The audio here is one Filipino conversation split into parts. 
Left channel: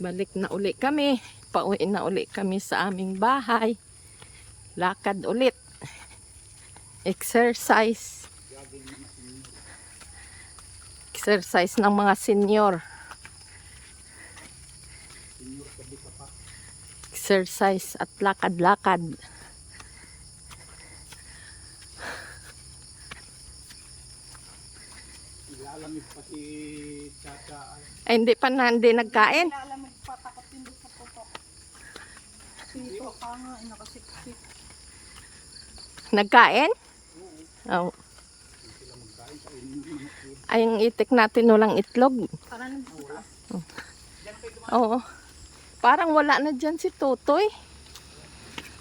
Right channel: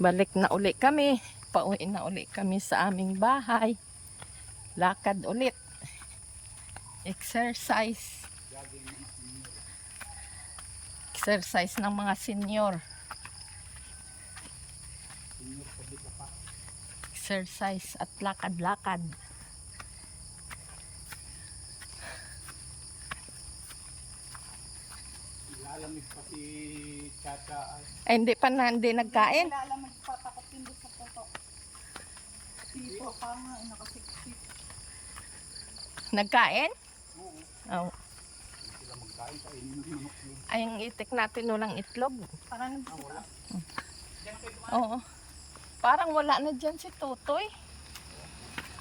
Balik na uli kami. Pauwi na uli kami sa aming bahay. Lakad ulit. Exercise. Exercise ng mga senior. Exercise at lakad-lakad. Ilalamig pa si Chacha Ay, hindi pa na, hindi nagkain. Ilalamig pa, takot hindi sa putok. Sito pa nga, nakasiksik. Nagkain? Oo. Oh. Hindi sila magkain, kainin ng manok yun. Ay, yung itik natin walang itlog. Parang nagsuta. Diyan kayo dumaan. Oo. Parang wala na dyan si Tutoy.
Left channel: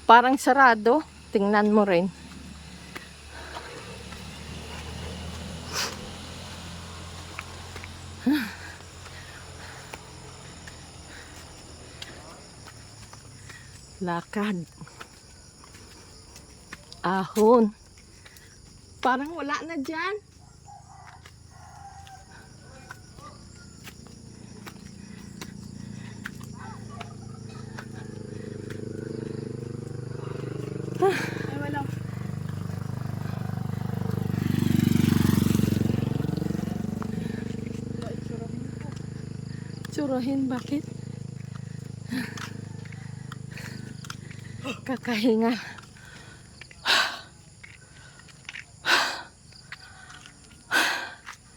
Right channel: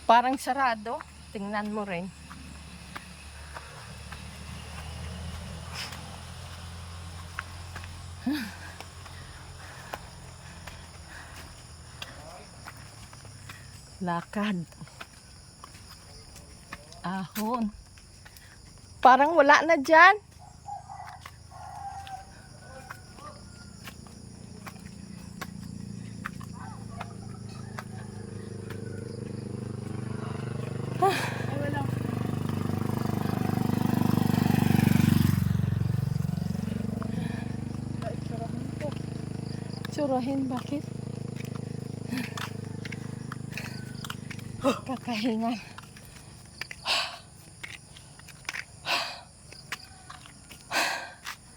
Parang sarado. Tingnan mo rin. Lakad. Ahon. Parang wala na dyan. Ay, walang. Wala, itsurahin ko. Tsurahin, bakit? Kakahinga.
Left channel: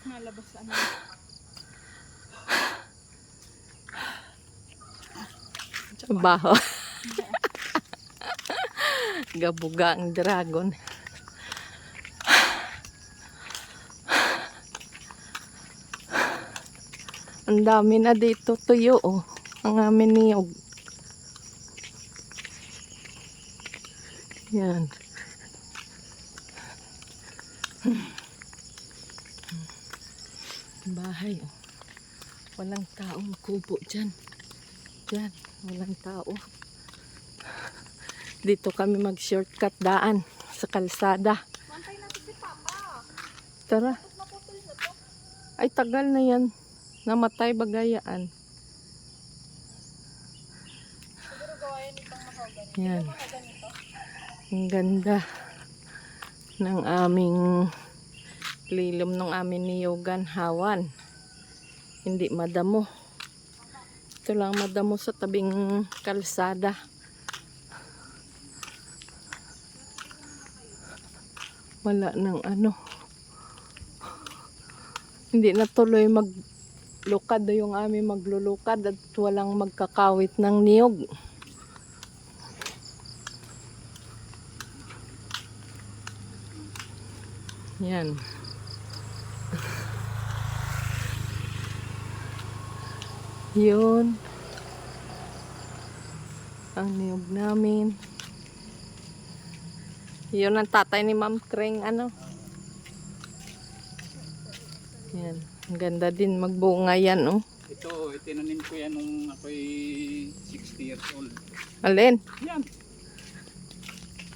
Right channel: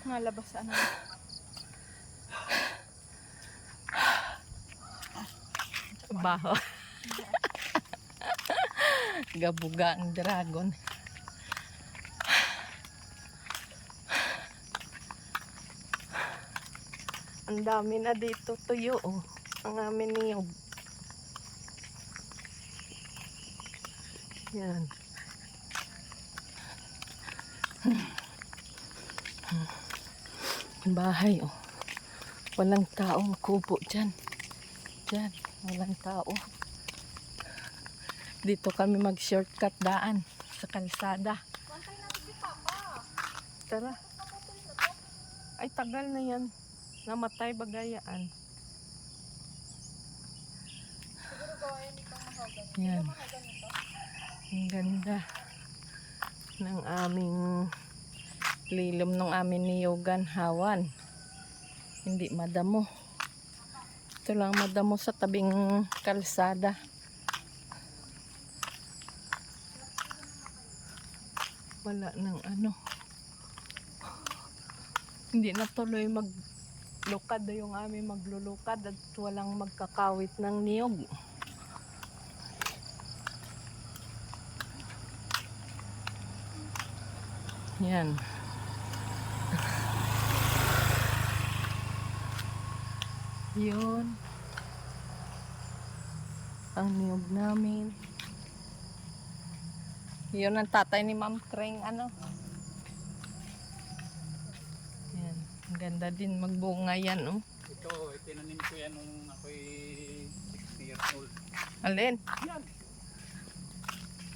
Nalabasan na. Baho. Gabuga ang dragon. Ang dami na dito tuyo, oh. Ang amin niyog. Yan. Bahay, oh. Walang taong kubo dyan. Dyan, walang tao. Dito kami mag-shortcut daan sa kalsada. Pantay natin si Papa. Tara. Ay, tagal na yan. Namatay bagayaan. Yan. Ang ganda ng aming lilom ng aming niyogan hawan. Hindi madamo. Ito lang madamo sa tabing kalsada. Wala nang ano. Hindi na tuloy maglukad yung aming maglulukad at walang magkakawit ng niyog. Yan. Yun. Ang niyog namin. Yun ang tatay ni Ma'am Tring, ano. Yan. Ang ganda din magbunga yan, oh. Ito, itinanim ko yan nung ako'y 60 years old. Alin? Yan.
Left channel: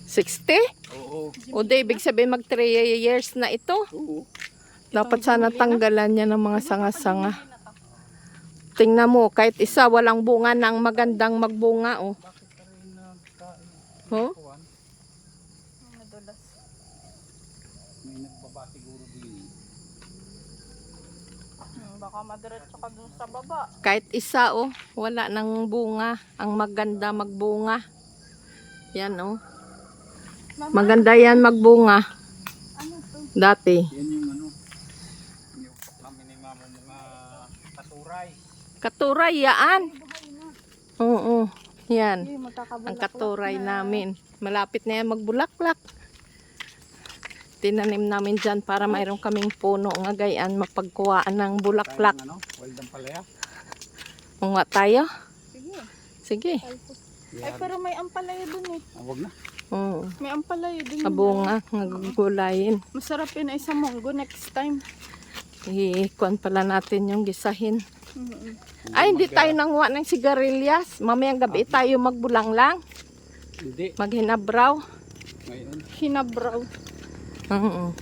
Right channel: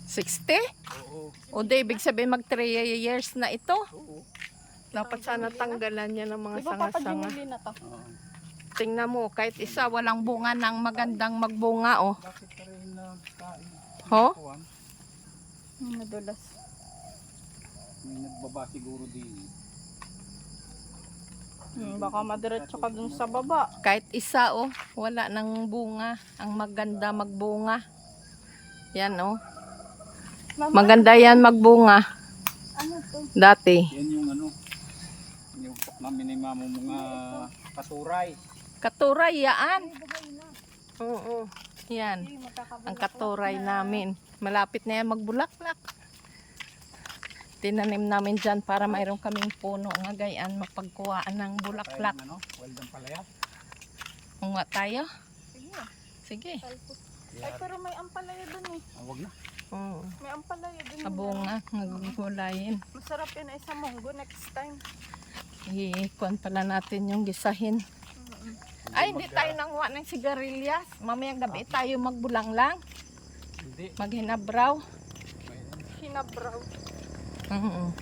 60? Oo. O di, ibig sabihin mag 3 years na ito. Oo. Dapat sana tanggalan niya ng mga Diba, sanga-sanga. papagimili na to? Tingnan mo, kahit isa walang bunga ng magandang magbunga, oh. Bakit ka rin nagkain? Ho? Kuhan? Nadulas. May nagbaba siguro din. Baka madiretso ka dun sa baba. Kahit isa, oh. Wala nang bunga. Ang maganda magbunga. Yan, oh. Maganda yan magbunga. Ano to? Dati. Yan yung ano. Yung namin ni mama mga katuray. Katuray, yaan. Bahay na. Oo. Yan. Hindi, magkakabulak. Ang katuray namin. Malapit na yan magbulaklak. Tinanim namin dyan para mayroon kaming puno nga gayan mapagkuhaan ng bulaklak. Tayong ano, waldang palaya. Unga tayo? Sige. Sige. Eh, pero may ampalaya dun eh. Huwag na. May ampalaya dun. Abunga, nagugulayin. Masarap yun ay sa munggo next time. Ikuan pala natin yung gisahin. Ay, hindi tayo nanguha ng sigarilyas. Mamayang gabi tayo magbulang lang. Hindi. Maghinabraw. Ngayon. Hinabraw. Oo.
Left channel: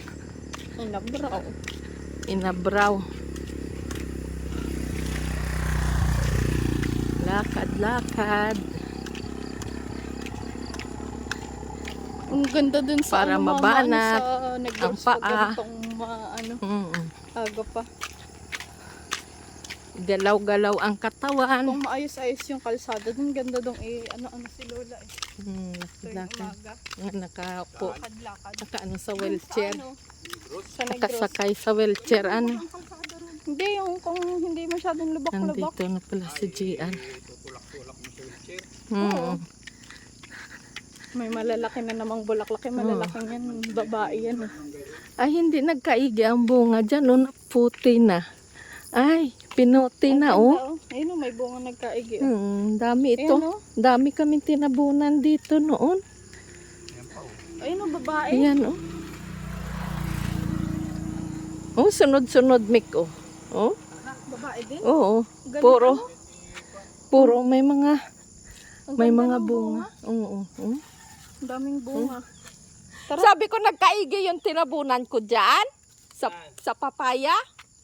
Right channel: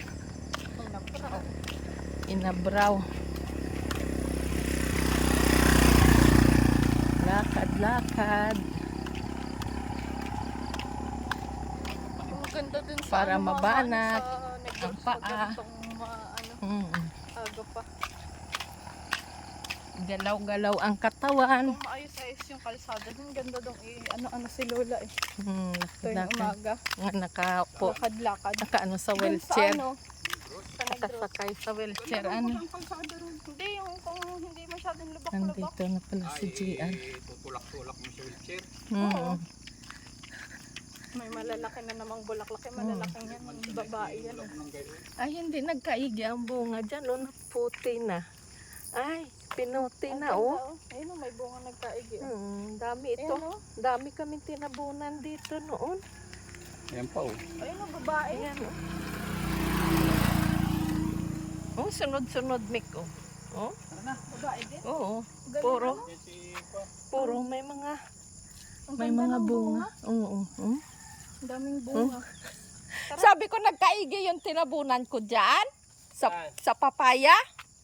Hinabraw. Inabraw. lakad-lakad Ang ganda dun sa Para ano, mabanat sa Negros ang pag paa. ganitong ano, Mm. aga pa. Galaw-galaw ang katawan. Kung maayos-ayos yung kalsada dun, ganda dong ano-ano si Lola eh. Tuwing Lakad. umaga, Nga nakaupo. lakad-lakad. Nakaano sa Dun wheelchair. Sa, ano, sa Negros. Nakasakay sa wheelchair. Ano? Hindi, yung kung hindi masyadong lubak-lubak. Nandito na pala si Gian. Tutulak-tulak mo sa wheelchair. Mm. May malalaki na namang bulaklaki, malalaking yan, babae yan. Ay, hindi nagkaigi ang bunga dyan. Oh, naputi na. Ay, pinuti na oh. Ayun, may bunga nagkaigi. Dami ito. Ayun, oh. Dami kami tinabunan dito noon. Ayan pa oh. Ayun, babae. Ayan oh. Oh, sunod-sunod mic oh. Oh, Babae din. oo. Galing, Puro, ano? puro may mga Ang may ganda mga ng bunga. Oo. Oh. Ang daming bunga. Sabi ko nagkaigi yung tinabunan ko diyan sa papaya.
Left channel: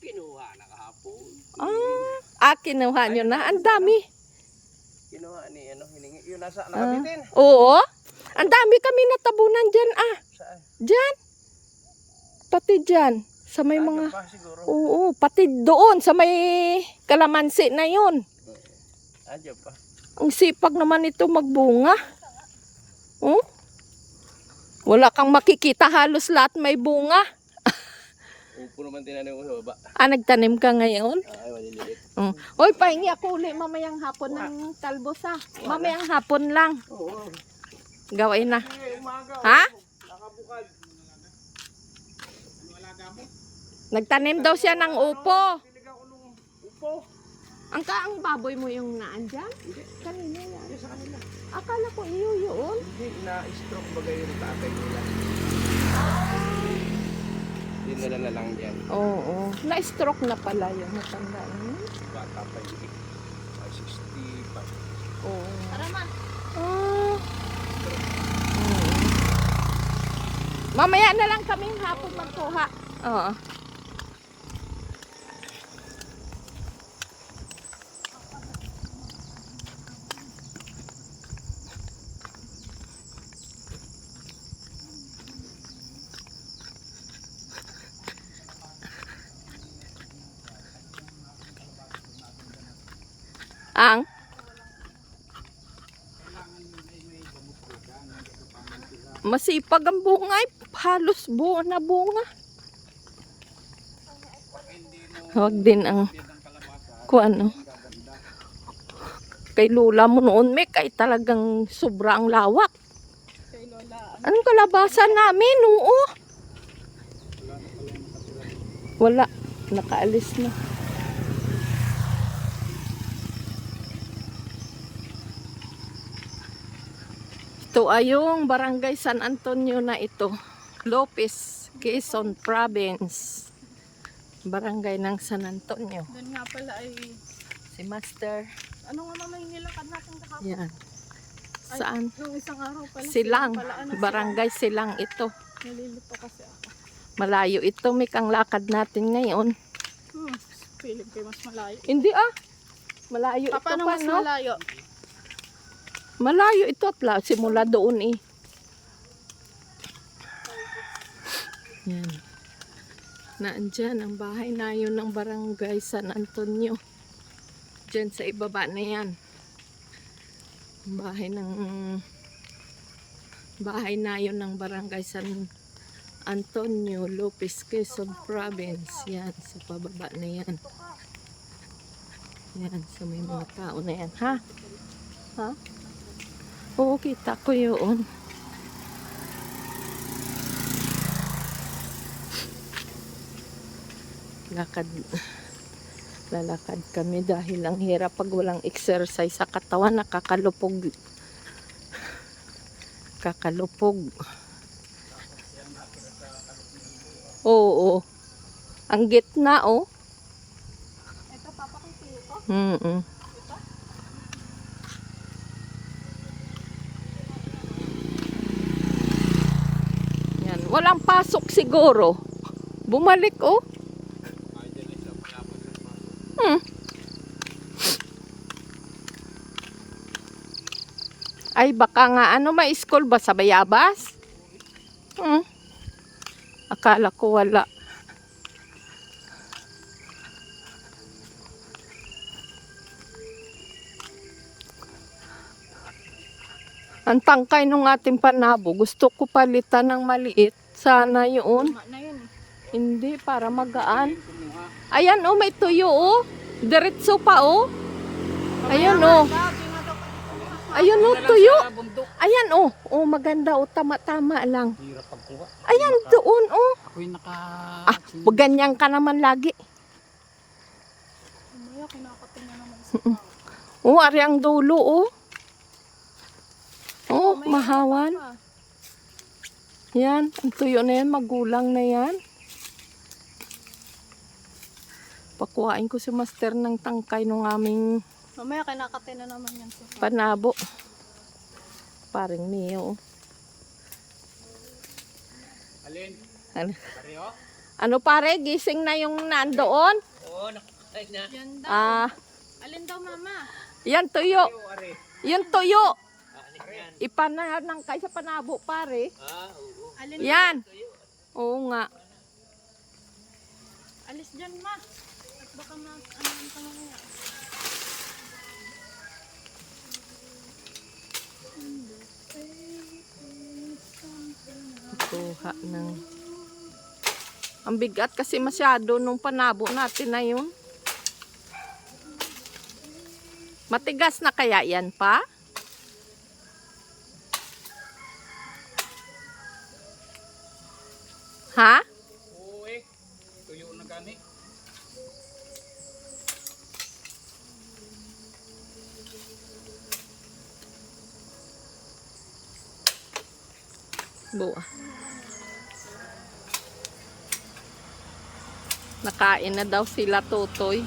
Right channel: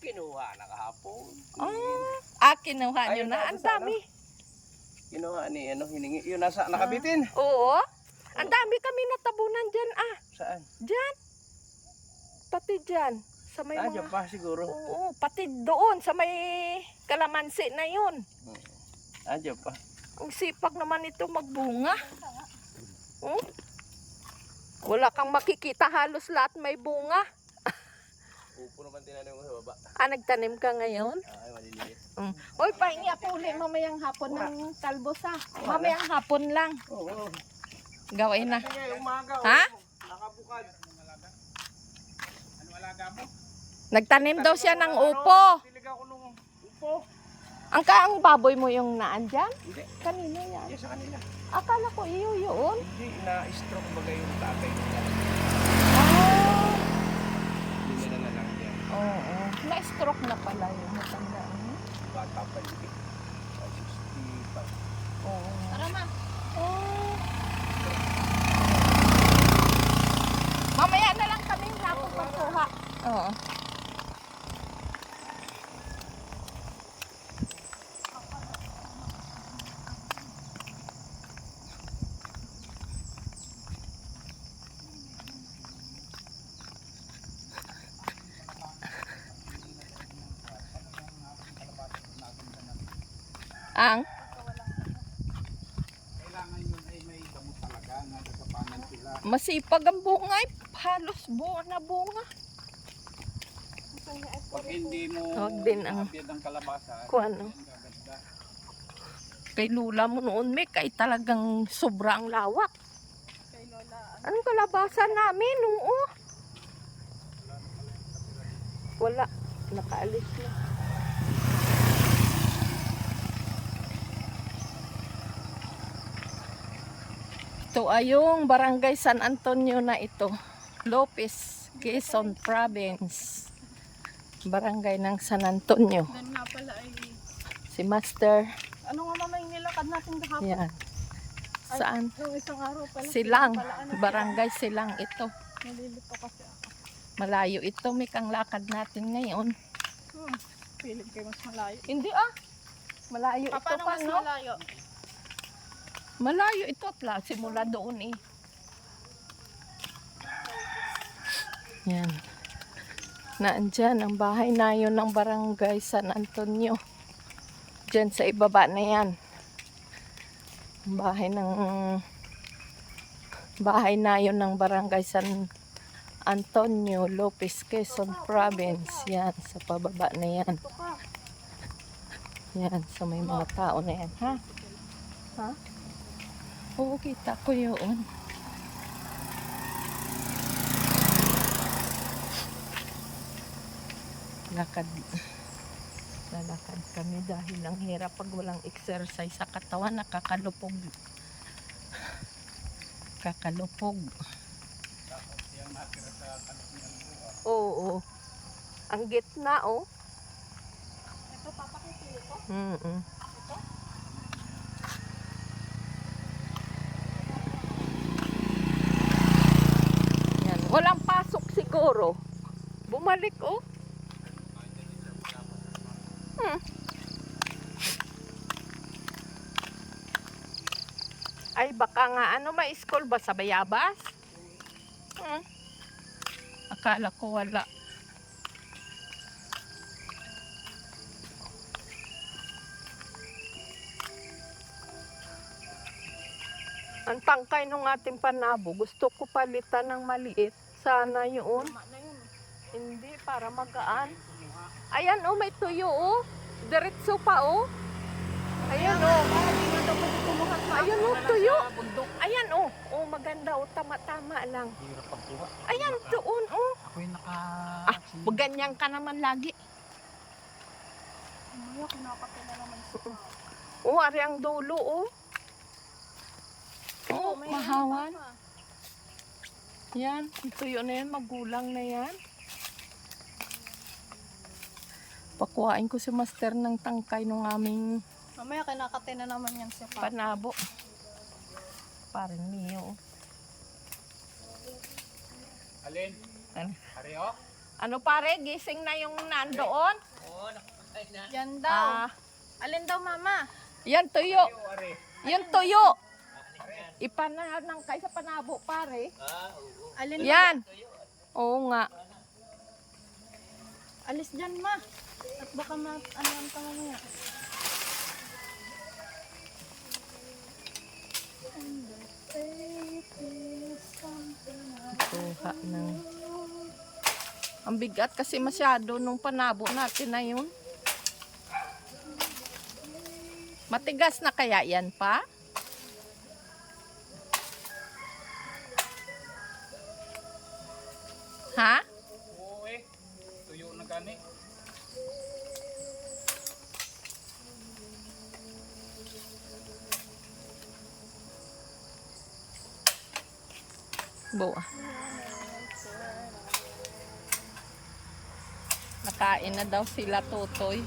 Kinuha na kahapon. Kinuha nyo na. Ang dami. Kinuha ni hiningi. Yun nasa nakabitin. Oo. Ang dami kami natabunan dyan Saan? Dyan. Pati dyan. Sa may Radyo mga... pa siguro. Oo, pati doon sa may kalamansi na yun. Radyo pa. Ang sipag naman ito magbunga. Oh? Wala kang makikita, halos lahat may bunga. Upo naman tinanim mo sa baba. Nagtanim ka ngayon? Ay, maliliit. Hoy, pahingi ako ulit mamayang hapon ng talbos Mamayang hapon lang. Oo. Gawin na. Sige, umaga. Ha? Nakabukad. Nagtanim daw siya ng upo. Tilig ako nung upo. Ang kaang baboy mo yung naan dyan? Hindi. Kanino yan? Yes, sa kanila. Akala ko iyo yun. Hindi, na-stroke bagay yung tatay nila. Hindi nila na lang dyan. Oo. Na-stroke na pala yung matanda. Bata pa yun. 65. Oo. Tara ma. Mamaya na lang kaming hapon magkuha. Oo. Ang? Masipag ang bunga. Halos buo na bunga. Pag hindi mo Huwag din ang biyad ng kalabasan, kung ano. yan gaganda. Kay Lula mo noon, Mek, ay talagang sobrang lawak. Kay Lola. Anong kalabasan namin? Oo. Wala. Nakaalis na. Ito ay yung Barangay San Antonio na ito. Lopez, Quezon Province. Barangay ng San Antonio. Doon nga pala ay, Si Master. ano nga mama yung nilakad natin kahapon? Yan. Saan? Yung isang araw pala. Silang. Pala, ano, Barangay Silang ito. nalilito kasi ako. Malayo ito. May kang lakad natin ngayon. Feeling ko mas malayo. Hindi Malayo ito Paano pa, mas no? malayo? Malayo ito pala. Simula doon Yan. Naandyan ang bahay na yun ng Barangay San Antonio. Diyan sa ibaba na yan. Ang bahay na yun ng Barangay San Antonio, Lopez, Quezon Province. Yan, sa pababa na yan. Yan, sa may mga tao na yan. Ha? Ha? Oo, kita ko yun. Lalakad kami dahil ang hirap pag walang exercise sa katawan, nakakalupog. Oo. Ang gitna Ito papakipili ko. Yan, walang pasok siguro. Bumalik Ay, baka nga, ano, may school ba sa Bayabas? Akala ko wala. Ang tangkay nung ating panabo, gusto ko palitan ng maliit. Sana yun. Tama na yun eh. Hindi, para magaan. Ayan, oh, may tuyo, oh. Diretso pa, oh. Ayun, oh. Sabi nga daw pwede kumuha sa Ayun, oh, tuyo. Ayan, oh. Oh, maganda, oh. Tama-tama lang. Hirap pagkuha. Ayan, doon, oh. Ako'y naka... Ganyan ka naman lagi. Mamaya kinakapin na naman si Oh, ari ang dulo, oh. Oh, mahawan. Yan, ang tuyo na yan, magulang na yan. Pakuhain ko si Master ng tangkay ng aming Mamaya kinakapin na naman yan si Papa. panabo. Parang niyo. Alin? Ano? Pareho? Ano pare, gising na yung nandoon? Yan daw. Ah, Alin daw mama? yan tuyo. Are. Yan tuyo. Ipanang kay sa panabo pare. Alin Yan. Oo nga. Alis dyan ma. At baka ano ka mamaya. Kuha ng... Ang bigat kasi masyado nung panabo natin na yun. Matigas na kaya yan pa? Ha? Oo eh. Tuyo na gani. Buwa. Nakain na daw sila Totoy.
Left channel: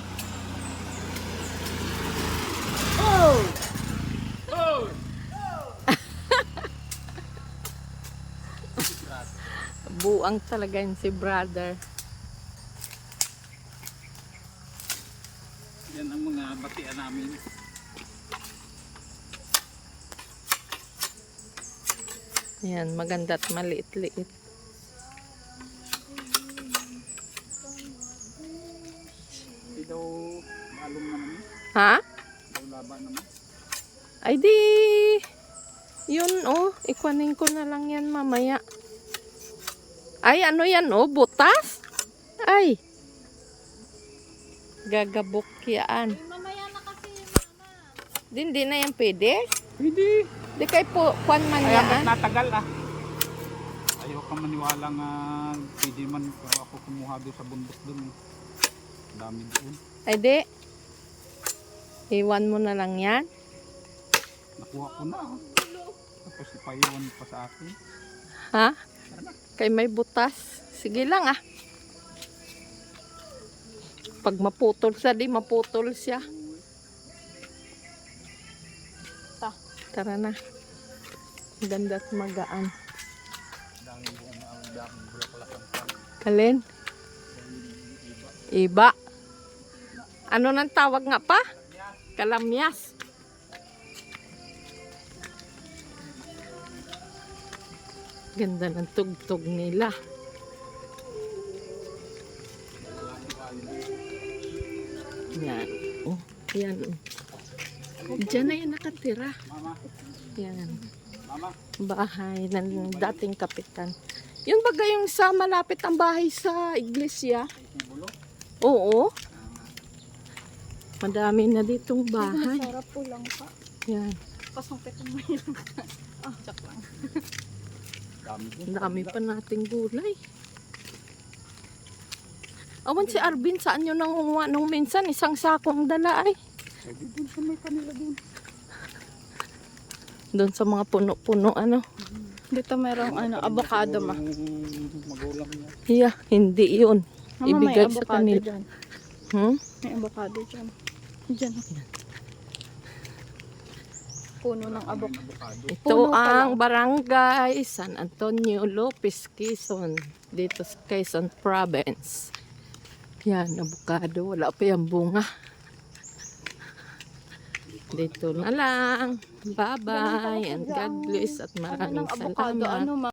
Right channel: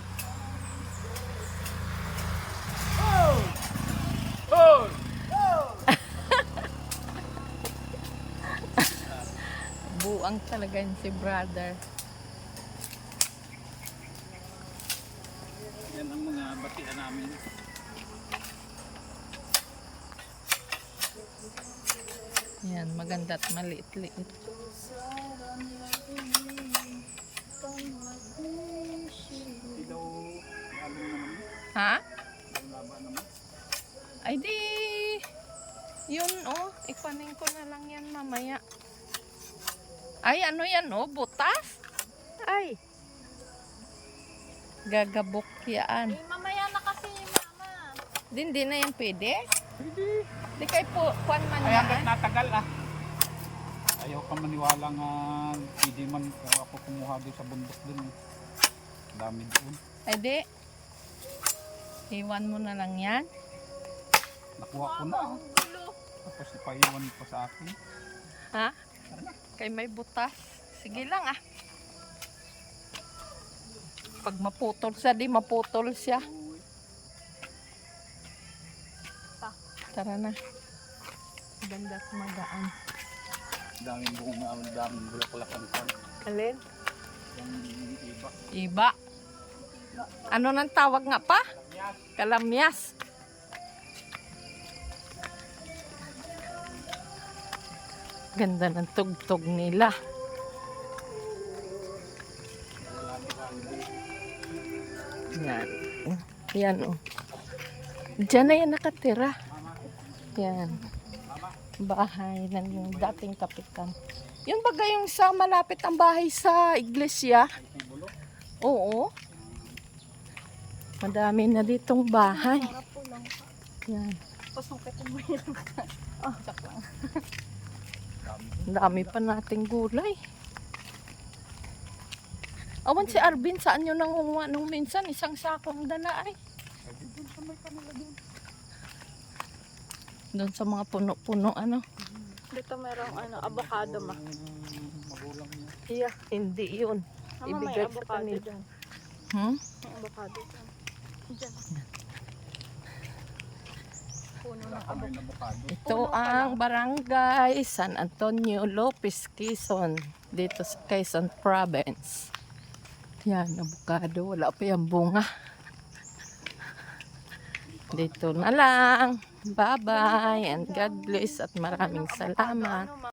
Oh! Buang talaga yun si brother. Yan ang mga batian namin. Yan, maganda at maliit-liit. Hindi daw lalong naman. Ha? Daw laba naman. Ay di, yun oh, ikuanin ko na lang yan mamaya. Ay, ano yan oh, butas? Ay, gagabok yan. Mamaya na kasi mama. Di na yan pwede? Hindi. Di kay po, kwan man Kaya yan. ba't natagal ah? Ayaw ka maniwala nga hindi man ako kumuha doon sa bundok doon. Dami doon. Ay di, iwan mo na lang yan. Nakuha ko na ah. Tapos ipaiwan pa sa akin. Ha? Kay may butas. Sige lang ah. Pag maputol siya, di maputol siya. Tara na. Ganda at magaan. Daming buong na ang daming bulaklakan ko. Kalin? Yung iba. Iba. Ano nang tawag nga pa? Kalamyas. Ganda ng tugtog nila. Yan. Oh, yan oh. Diyan na yan nakatira. Yan. Bahay ng dating kapitan. Yun baga yung sa malapit ang bahay sa iglesia? Oo. Madami na ditong bahay. Sarap po lang pa. Yan. Pasungkitin mo yun. Oh, sak lang. Ang dami pa nating gulay. Awan si Arvin, saan nyo nangunguha nung minsan? Isang sakong dala ay. Doon sa mga puno-puno ano. Dito mayroong avocado ma. Hiya, hindi yun. Mama, Ibigay may sa avocado kanila. dyan. May avocado dyan. Dyan. Puno ng avocado. Avocado. Ito Puno pa ang barangay San Antonio Lopez, Quezon. Dito sa Quezon Province. Yan, avocado. Wala pa yung bunga. Dito na lang. Bye-bye and God bless at maraming salamat. Ano,